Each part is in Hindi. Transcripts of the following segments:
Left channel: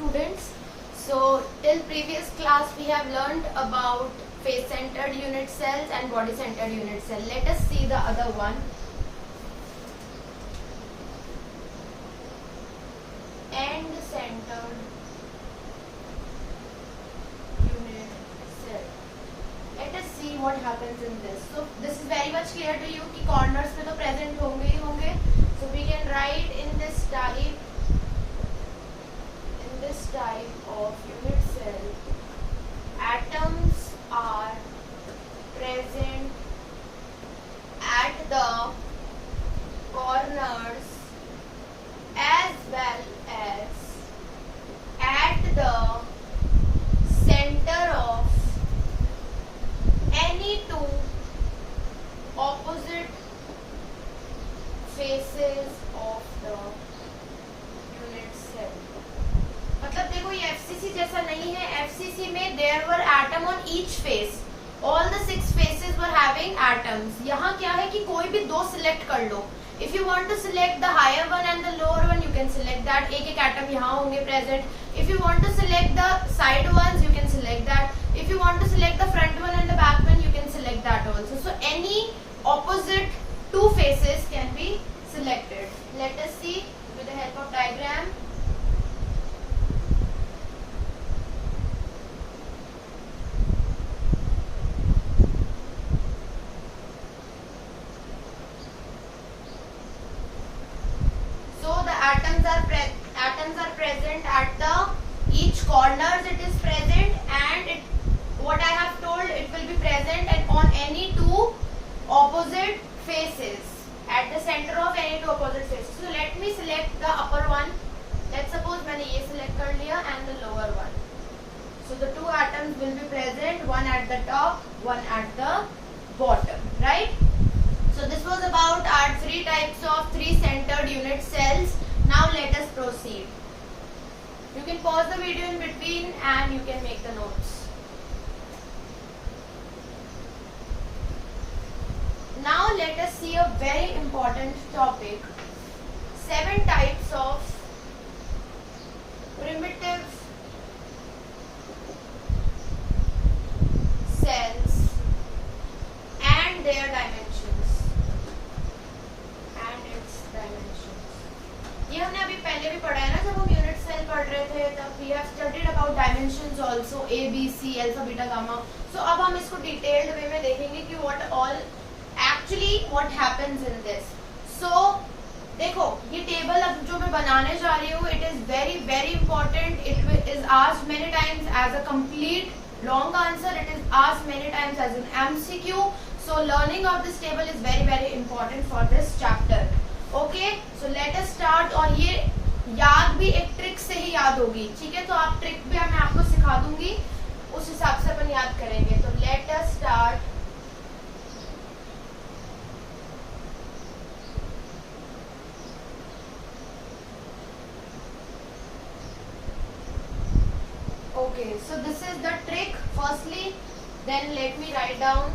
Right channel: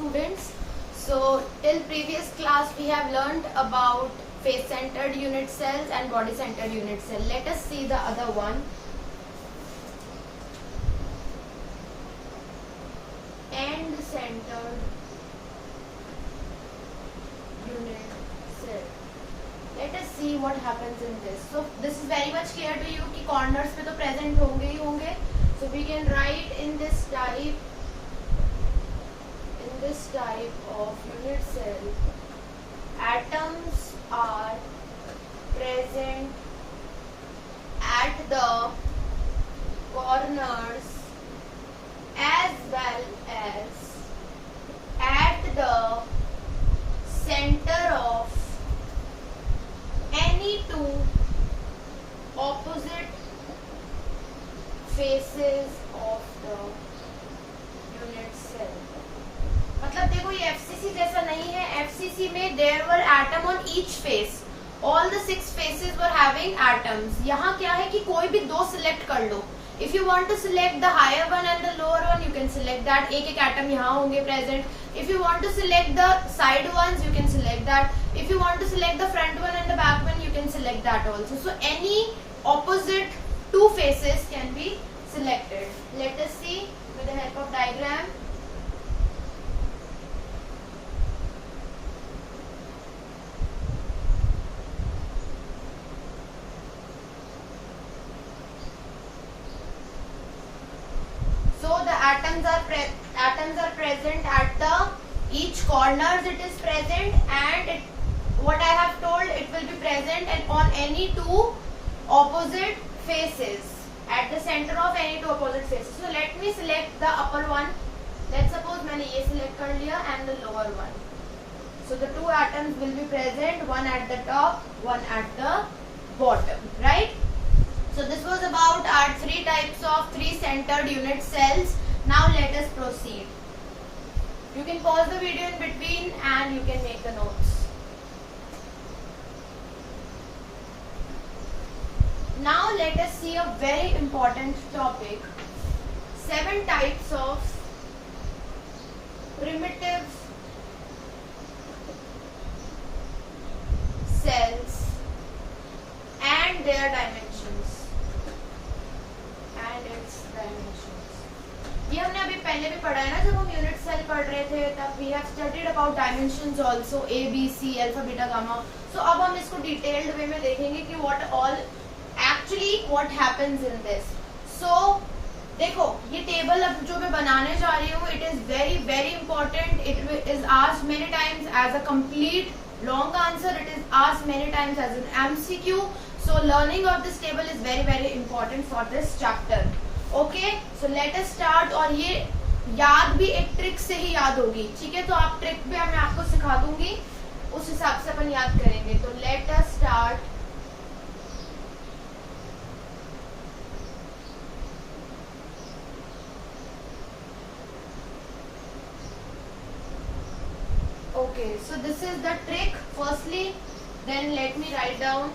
students. So till previous class we have learned about face centered unit cells and body centered unit cell. Let us see the other one. End centered unit cell. Let us see what happens in this. So this is very much clear to you कि corners पे तो present होंगे ही होंगे. So we can write in this type of unit cell, atoms are present at the corners as well as at the center of any two opposite faces of the unit cell. मतलब देखो ये FCC जैसा नहीं है. FCC में there were atom on each face. All the 6 faces were having atoms. यहाँ क्या है कि कोई भी 2 select कर लो. If you want to select the higher one and the lower one, you can select that. एक atom यहाँ होंगे present. If you want to select the side ones, you can select that. If you want to select the front one and the back one, you can select that also. So any opposite 2 faces can be selected. Let us see with the help of diagram. So the atoms are present at the each corners. It is present, and what I have told, it will be present and on any 2 opposite faces, at the center of any 2 opposite faces. So let me select the upper one. Let's suppose मैंने ये select कर लिया and the lower one. So the 2 atoms will be present, one at the top, one at the bottom, right? So this was about our 3 types of 3 centered unit cells. Now let us proceed. You can pause the video in between and you can make the notes. Now let us see a very important topic. 7 types of primitive cells and their dimensions. ये हमने अभी पहले भी पढ़ा है ना, जब हम यूनिट सेल पढ़ रहे थे तब we have studied about dimensions also, A, B, C, alpha, beta, gamma. So अब हम इसको डिटेल्ड वे में देखेंगे कि what happens in this. So देखो ये टेबल अब जो मैं बनाने जा रही हूँ, it is very very important. It is asked many times as a complete long answer. It is asked many times as an MCQ. So learning of this table is very very important for this chapter. Okay, so let us start. और ये याद भी एक ट्रिक से ही याद होगी, ठीक है? तो आप ट्रिक भी मैं आपको सिखा दूंगी, उस हिसाब से अपन याद करेंगे. तो let us start. Okay, so this is the trick firstly, then let me write down.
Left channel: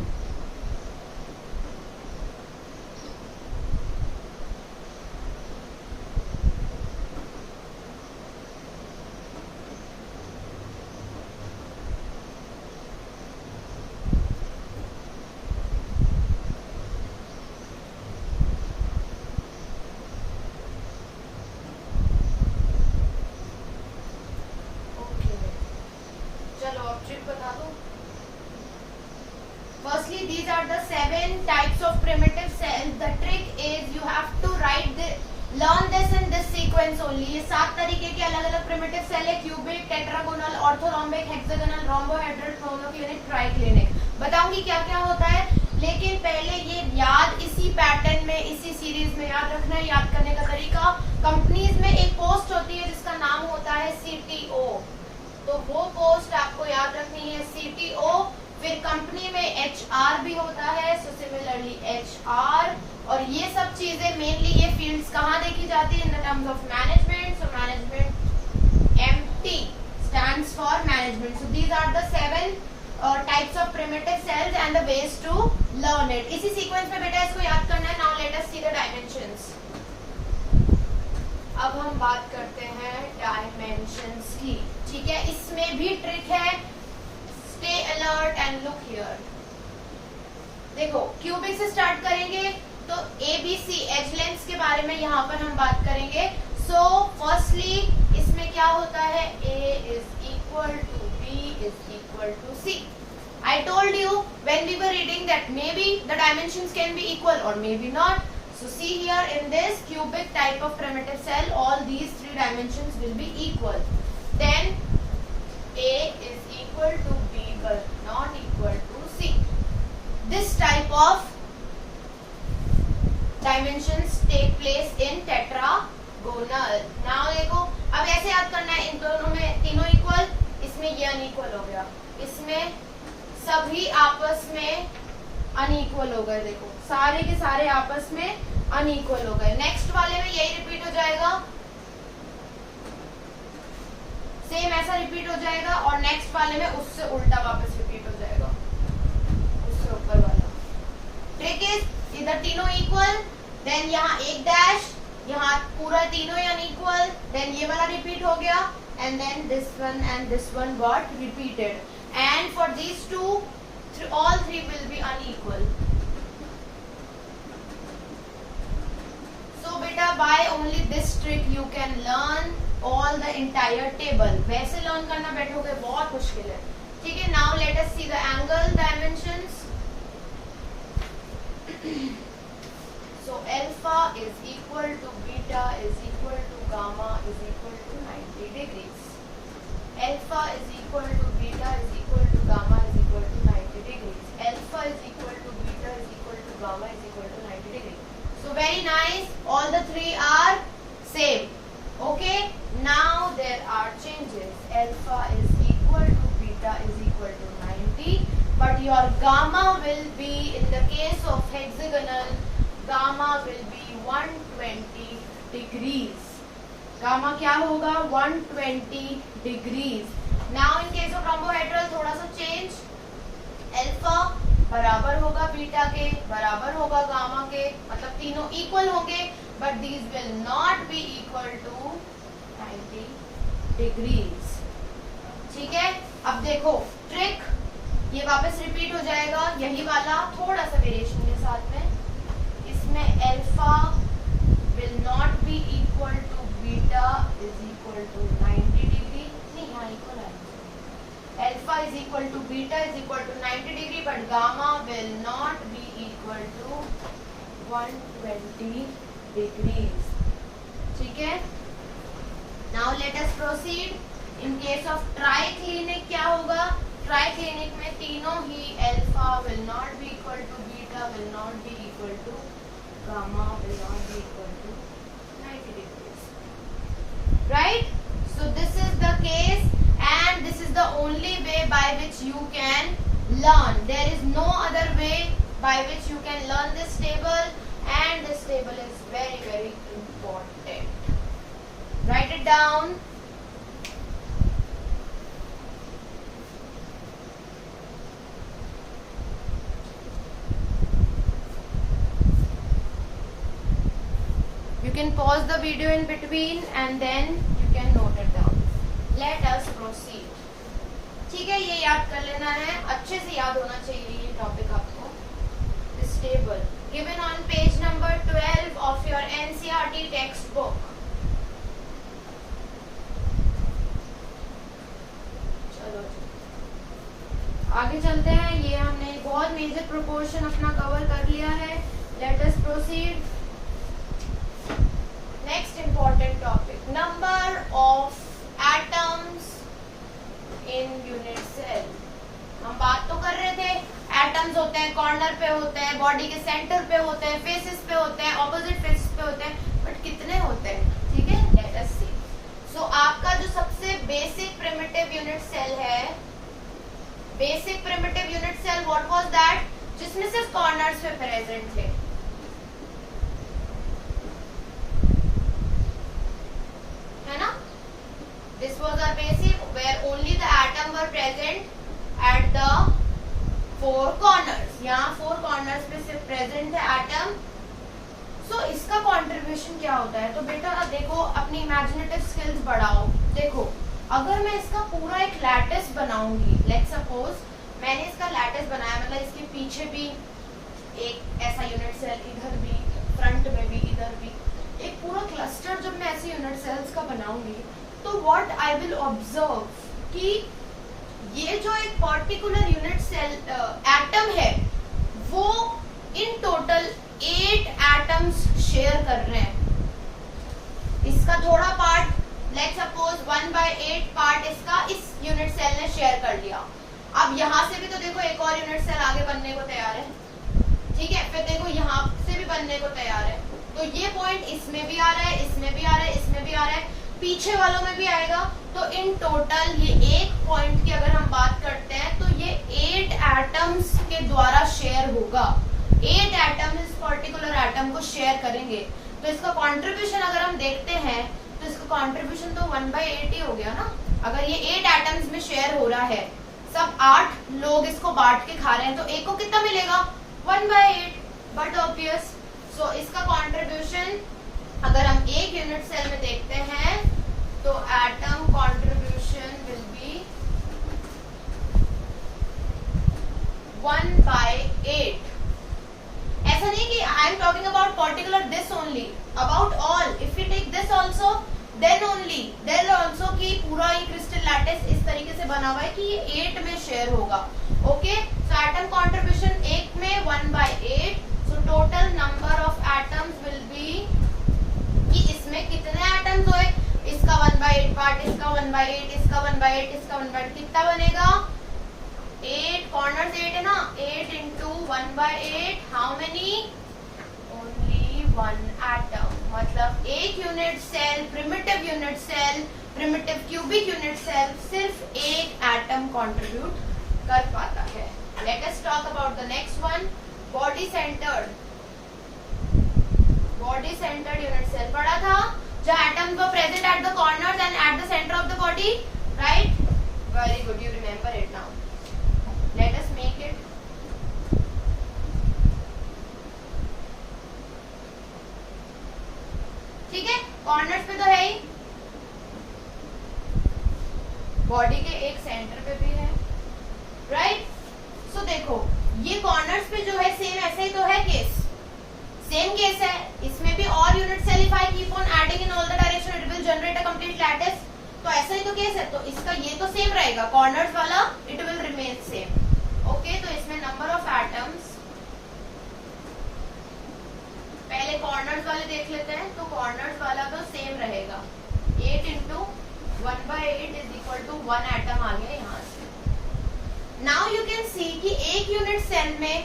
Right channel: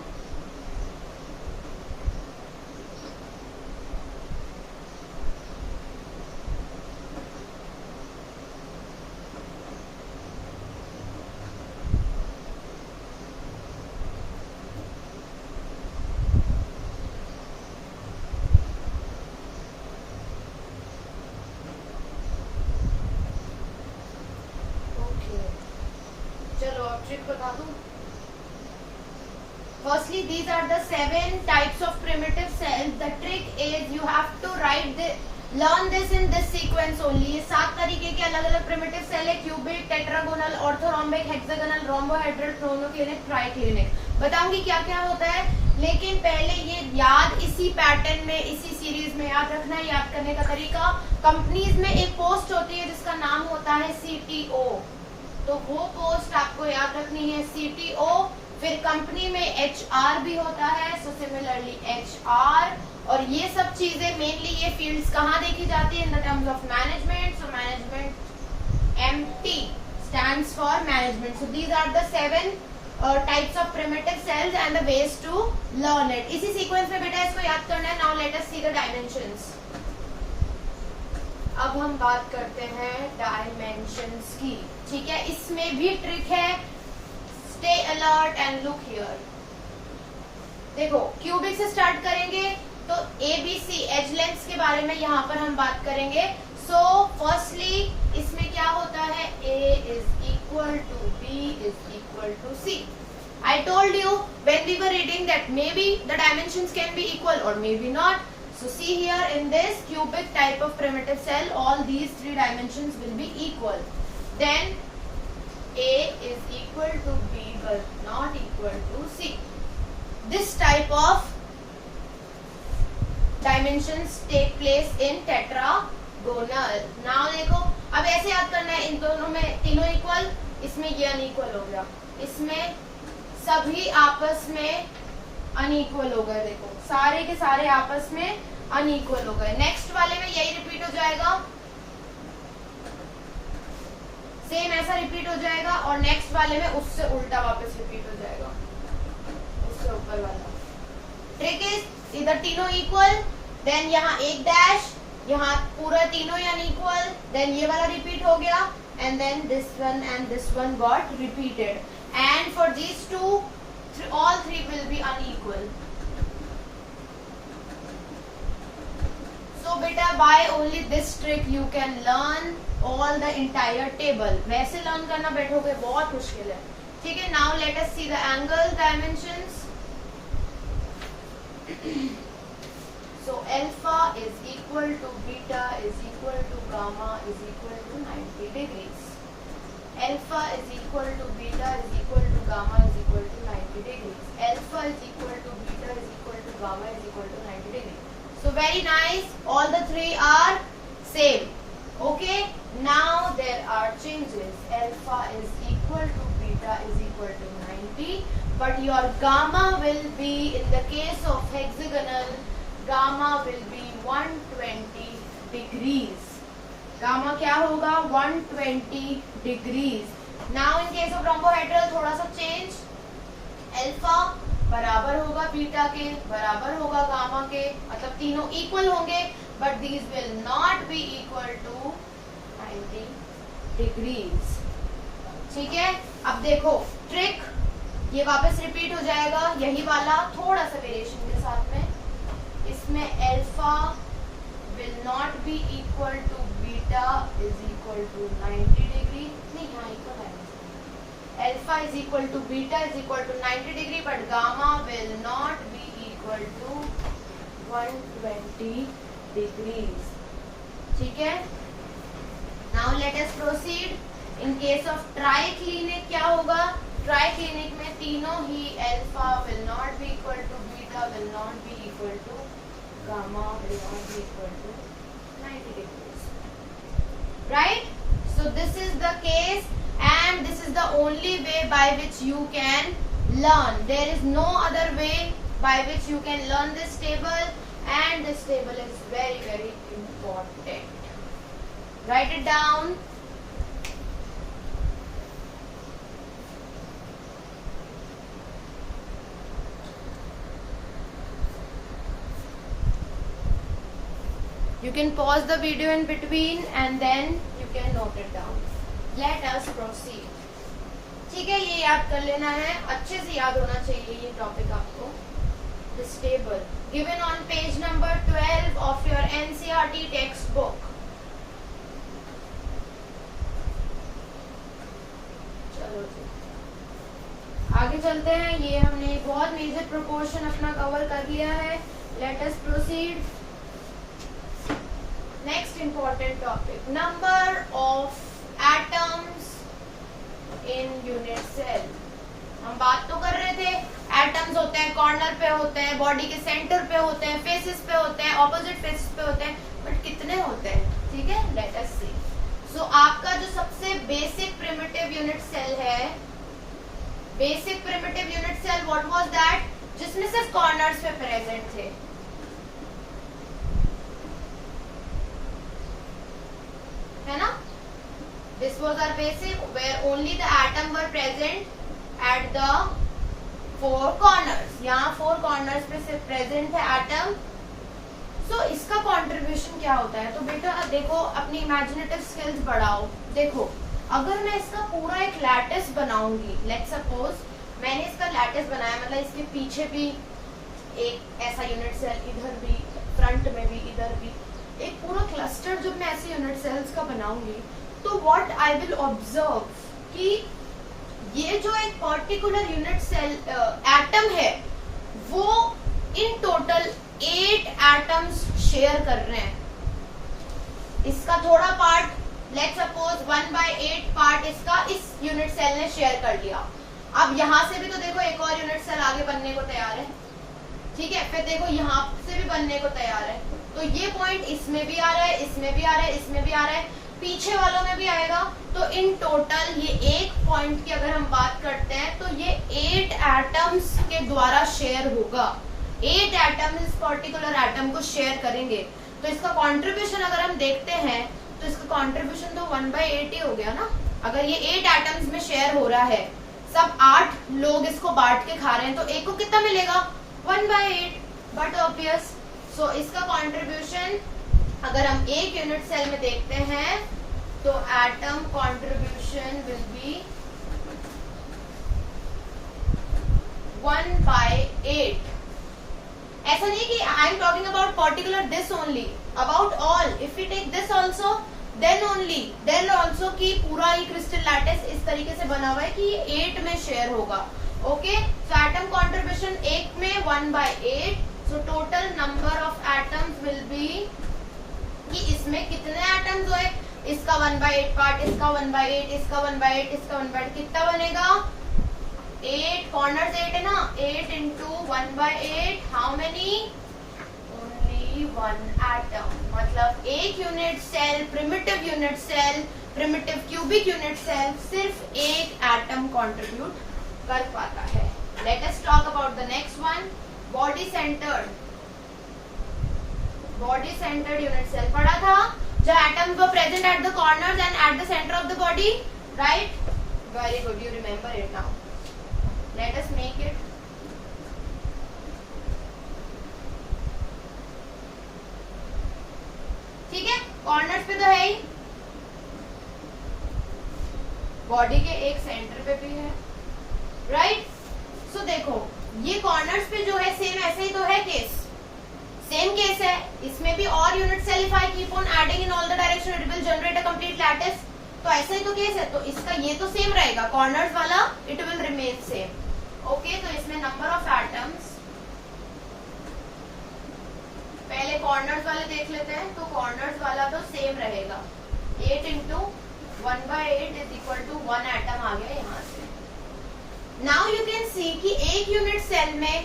Firstly, these are the 7 types of primitive cells. The trick is you have to learn this in this sequence only. ये 7 तरीके के अलग अलग primitive cell है: cubic, tetragonal, orthorhombic, hexagonal, rhombohedral, monoclinic, triclinic. बताऊंगी क्या क्या होता है, लेकिन पहले ये याद इसी पैटर्न में, इसी सीरीज में याद रखना है. याद करने का तरीका, कंपनीज में एक पोस्ट होती है जिसका नाम होता है CTO. तो वो पोस्ट आपको याद रखनी है, CTO. फिर कंपनी में HR भी होता है, सो सिमिलरली HR. और ये सब चीजें मेनली ये फील्ड्स कहाँ देखी जाती है? In the terms of management. So management, MT stands for management. So these are the 7 types of primitive cells and the ways to learn it. इसी सीक्वेंस में बेटा इसको याद करना है. Now let us see the dimensions. अब हम बात करते हैं डायमेंशंस की. ठीक है, इसमें भी ट्रिक है, stay alert and look here. देखो क्यूबिक से स्टार्ट करेंगे तो ABC एज लेंथ्स के बारे में यहाँ पर हम बात करेंगे। सो फर्स्टली इसमें क्या होता है, A is equal to B is equal to C. I told you when we were reading that maybe the dimensions can be equal or maybe not. So see here in this cubic type of primitive cell, all these three dimensions will be equal. Then A is equal to B but not equal to C. This type of dimensions take place in tetragonal. Now देखो अब ऐसे याद करना है, इन दोनों में तीनों इक्वल, इसमें ये अनइक्वल हो गया, इसमें सभी आपस में अनइक्वल हो गए। देखो सारे के सारे आपस में अनइक्वल हो गए। नेक्स्ट वाले में यही रिपीट हो जाएगा, सेम ऐसा रिपीट हो जाएगा, और नेक्स्ट वाले में उससे उल्टा वापस रिपीट हो जाएगा, उससे ऊपर वाला। ट्रिक इज इधर तीनों इक्वल, देन यहाँ एक डैश, यहाँ पूरा तीनों अनइक्वल, देन ये वाला रिपीट हो गया, and then this one got repeated, and for these two all three will be unequal. So beta by only this trick you can learn all the entire table. वैसे learn करना बैठोगे बहुत मुश्किल है, ठीक है। Now let us see the angle dimensions. So alpha is equal to beta is equal to gamma is equal to 90 degrees. Alpha is equal to beta is equal to gamma is equal to 90 degrees. Alpha is equal to beta is equal to gamma is equal to 90 degrees. So very nice. All the three are same. Okay. Now there are changes. Alpha is equal to beta is equal to 90, but your gamma will be, in the case of hexagonal, gamma will be 120 degrees. Gamma क्या होगा, 120 degrees. Now in case of rhombohedral थोड़ा सा change, alpha बराबर होगा बीटा के, बराबर होगा गामा के, मतलब तीनों इक्वल होंगे, but these will not be equal to 90 degrees. ठीक है, अब देखो ट्रिक, ये वापस रिपीट हो जाएगा, यही वाला थोड़ा सा वेरिएशन के साथ में। इसमें alpha will not be equal to beta is equal to 90 degree, नहीं यहाँ इक्वल है, alpha is equal to beta is equal to 90 degree, but gamma will not be equal to 120 degrees. ठीक है, now let us proceed. In case of triclinic क्या होगा, triclinic में तीनों ही alpha will not be equal to beta will not be equal to gamma will not be equal to 90 degrees. Right? So this is the case, and this is the only way by which you can learn. There is no other way by which you can learn this table, and this table is very, very important. Write it down. You can pause the video in between and then you can note it down. Let us proceed. ठीक है, ये याद कर लेना है, अच्छे से याद होना चाहिए ये टॉपिक आपको। This table given on page number 12 of your NCERT textbook. चलो आगे चलते हैं, ये हमने बहुत मेजर प्रोपोर्शन अपना कवर कर लिया है। Let us proceed. Next important topic, number of atoms in unit cell. हम बात तो कर रहे थे, एटम्स होते हैं कॉर्नर पे होते हैं, बॉडी के सेंटर पे होते हैं, फेसेस पे होते हैं, ऑपोजिट फेसेस पे होते हैं, बट कितने होते हैं, ठीक है, लेट अस सी। सो आपका जो सबसे बेसिक प्रिमिटिव यूनिट सेल है, basic primitive unit cell what was that, जिसमें सिर्फ कॉर्नर्स पे प्रेजेंट थे, है ना। This was our basic where only the atom were present at the four corners. यहाँ four corners पे सिर्फ present है atom. So इसका contribution क्या होता है, तो बेटा देखो अपनी imaginative skills बढ़ाओ। देखो अगर मैं इसका पूरा एक लैटिस बनाऊंगी, लेट्स सपोज मैंने इसका लैटिस बनाया, मतलब इसके पीछे भी एक ऐसा यूनिट सेल, इधर भी, फ्रंट में भी, इधर भी, एक पूरा क्लस्टर जब मैं ऐसे यूनिट सेल्स का बनाऊंगी, तो व्हाट आई विल ऑब्जर्व कि ये जो एक पर्टिकुलर यूनिट सेल एटम है वो इन टोटल 8 एटम्स शेयर कर रहे हैं। इसका थोड़ा पार्ट, लेट्स सपोज 1/8 पार्ट इसका इस यूनिट सेल ने शेयर कर लिया। अब यहाँ से भी तो देखो एक और यूनिट सेल आगे बनने को तैयार है, ठीक है, फिर देखो यहाँ से भी बनने को तैयार है, तो ये पॉइंट इसमें भी आ रहा है, इसमें भी आ रहा है, इसमें भी आ रहा है, पीछे वालों में भी आएगा। तो इन टोटल ये एक पॉइंट की अगर हम बात करते हैं तो ये 8 एटम्स के द्वारा शेयर होगा। 8 एटम इस पर्टिकुलर एटम को शेयर करेंगे। तो इसका कंट्रीब्यूशन अगर हम देखते हैं तो इसका कंट्रीब्यूशन तो 1/8 ही हो गया ना। अगर ये 8 एटम्स में शेयर हो रहा है, सब 8 लोग इसको बांट के खा रहे हैं, तो एक को कितना मिलेगा 1/8, बट ऑब्वियस। सो इसका कंट्रीब्यूशन अगर हम एक यूनिट सेल में देखते हैं तो एटम कंट्रीब्यूशन विल बी 1/8। ऐसा नहीं कि I am talking about particular this only, about all. If you take this also then only then also कि पूरा ये क्रिस्टल लैटिस इस तरीके से बना हुआ है कि ये 8 में शेयर होगा। ओके, सो एटम कंट्रीब्यूशन एक में 1/8। So total number of atoms will be कि इसमें कितने एटम्स हुए, इसका 1/8 पार्ट, इसका 1/8, इसका 1/8, इसका 1/8, कितना बनेगा 8, कॉर्नर्स 8 है ना, 8 into 1/8, how many, only 1 atom. मतलब एक unit cell, primitive unit cell, primitive cubic unit cell सिर्फ एक एटम कंट्रीब्यूट कर पाता है। Let us talk about the next one, body centred. Body centred unit cell पढ़ा था, जो atoms were present at the corners and at the centre of the body, right? Very good, you remember it now. Let us make it. ठीक है, कॉर्नर्स पे तो है ही, बॉडी के एक सेंटर पे भी है, राइट? सो देखो ये कॉर्नर्स पे जो है सेम ऐसे ही तो है केस, सेम केस है। इसमें भी और unit cell if I keep on adding in all the direction it will generate a complete lattice. तो ऐसा ही तो केस है, तो इसका ये तो सेम रहेगा, कॉर्नर्स वाला it will remain same. Okay, तो इसमें नंबर ऑफ एटम्स, पहले कॉर्नर्स वाले देख लेते हैं। तो कॉर्नर्स वाला तो सेम रहेगा, 8 into 1/8 is equal to 1 atom आ गया यहाँ से। नाउ यू कैन सी कि एक यूनिट सेल में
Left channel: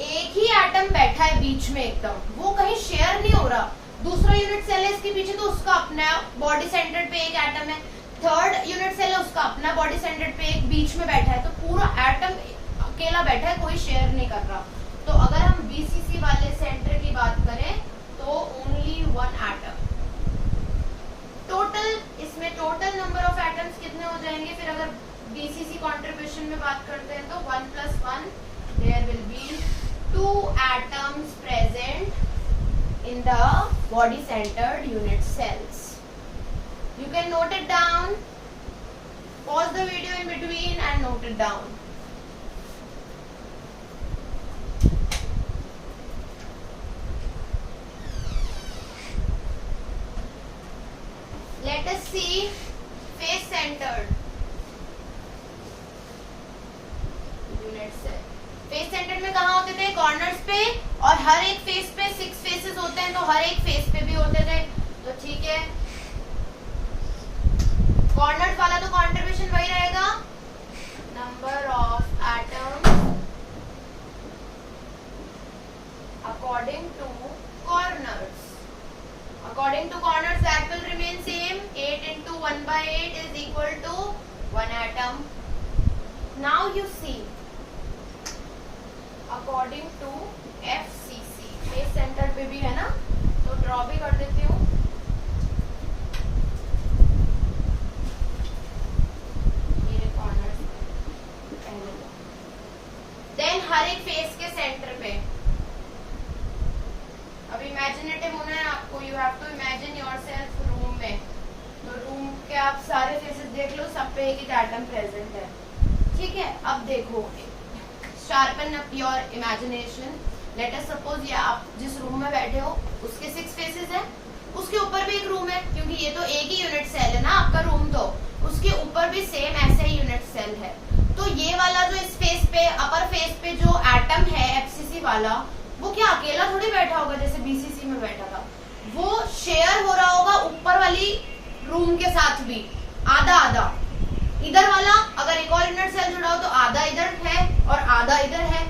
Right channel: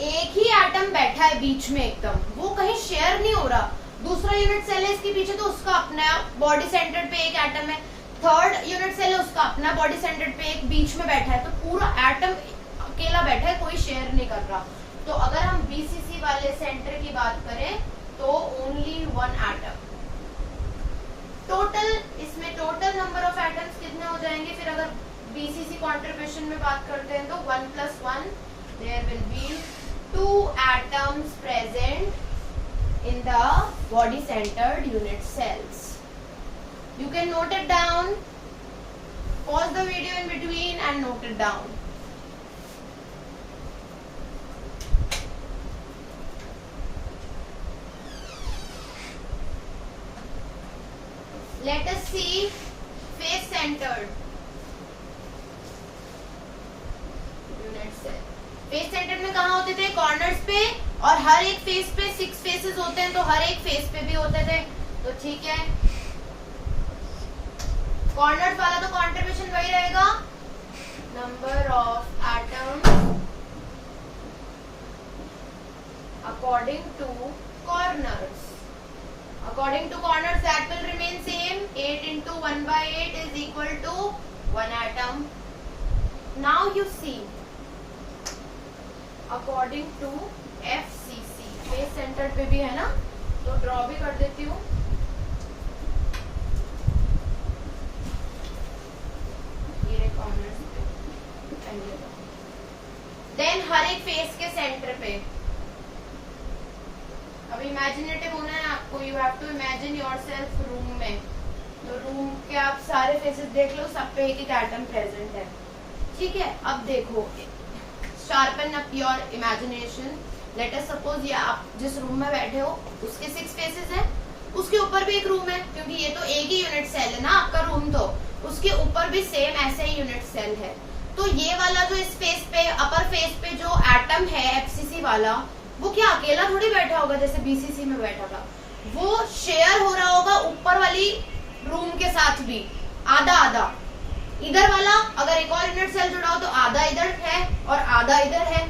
एक ही एटम बैठा है बीच में एकदम, वो कहीं शेयर नहीं हो रहा। दूसरा यूनिट सेल है इसके पीछे, तो उसका अपना बॉडी सेंटर्ड पे एक एटम है। थर्ड यूनिट सेल है, उसका अपना बॉडी सेंटर्ड पे एक बीच में बैठा है। तो पूरा एटम अकेला बैठा है, कोई शेयर नहीं कर रहा। तो अगर हम बीसीसी वाले सेंटर की बात करें तो ओनली 1 एटम। टोटल इसमें टोटल नंबर ऑफ एटम्स कितने हो जाएंगे फिर अगर बीसीसी कंट्रीब्यूशन में बात करते हैं तो 1 + 1 there will be 2 atoms present in the body centered unit cells. You can note it down, pause the video in between and note it down. Let us see face centered unit cell. Face centre में कहाँ होते थे, कॉर्नर्स पे, और हर एक फेस पे 6 फेसेस होते हैं, तो हर एक फेस पे भी होते थे। तो ठीक है, कॉर्नर्स वाला तो कंट्रीब्यूशन वही रहेगा, number of atoms according to corners. According to corners that will remain same, 8 into 1/8 is equal to 1 atom. Now you see according to FCC, face centre पे भी है ना, तो ड्रॉ भी कर देती हूँ। देन हर एक फेस के सेंटर पे, अब इमेजिनेटिव होना है आपको, you have to imagine yourself room में, तो रूम के आप सारे फेसेस देख लो, सब पे एक एक एटम प्रेजेंट है, ठीक है। अब देखो, sharpen up your imagination. Let us suppose ये आप जिस रूम में बैठे हो उसके 6 फेसेस हैं, उसके ऊपर भी एक रूम है, क्योंकि ये तो एक ही यूनिट सेल है ना आपका रूम, तो उसके ऊपर भी सेम ऐसे ही यूनिट सेल है। तो ये वाला जो इस फेस पे, अपर फेस पे जो एटम है एफसीसी वाला, वो क्या अकेला थोड़ी बैठा होगा जैसे बीसीसी में बैठा था, वो शेयर हो रहा होगा ऊपर वाली रूम के साथ भी, आधा आधा। इधर वाला अगर एक और यूनिट सेल जुड़ा हो तो आधा इधर है और आधा इधर है,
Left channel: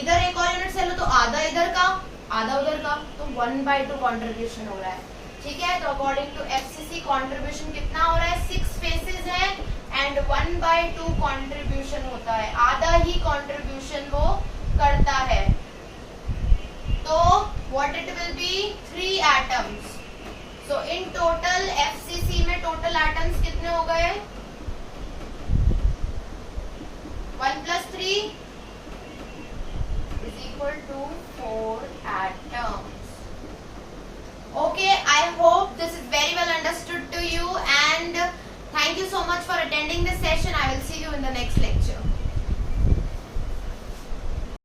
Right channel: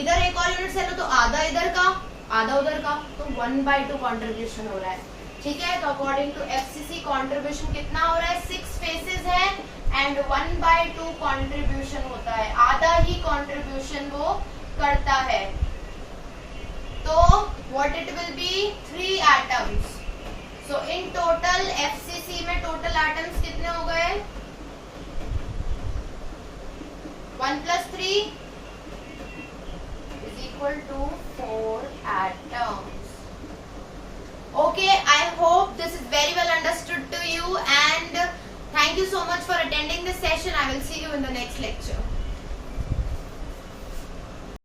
इधर एक और यूनिट सेल हो तो आधा इधर का आधा उधर का, तो 1/2 कॉन्ट्रीब्यूशन हो रहा है, ठीक है। तो अकॉर्डिंग टू एफसीसी कॉन्ट्रीब्यूशन कितना हो रहा है, 6 फेसेस है एंड 1/2 कॉन्ट्रीब्यूशन होता है, आधा ही कॉन्ट्रीब्यूशन वो करता है। तो what it will be, 3 atoms. So in total FCC में टोटल एटम्स कितने हो गए, 1 + 3 = 4 atoms. Okay, I hope this is very well understood to you, and thank you so much for attending this session. I will see you in the next lecture.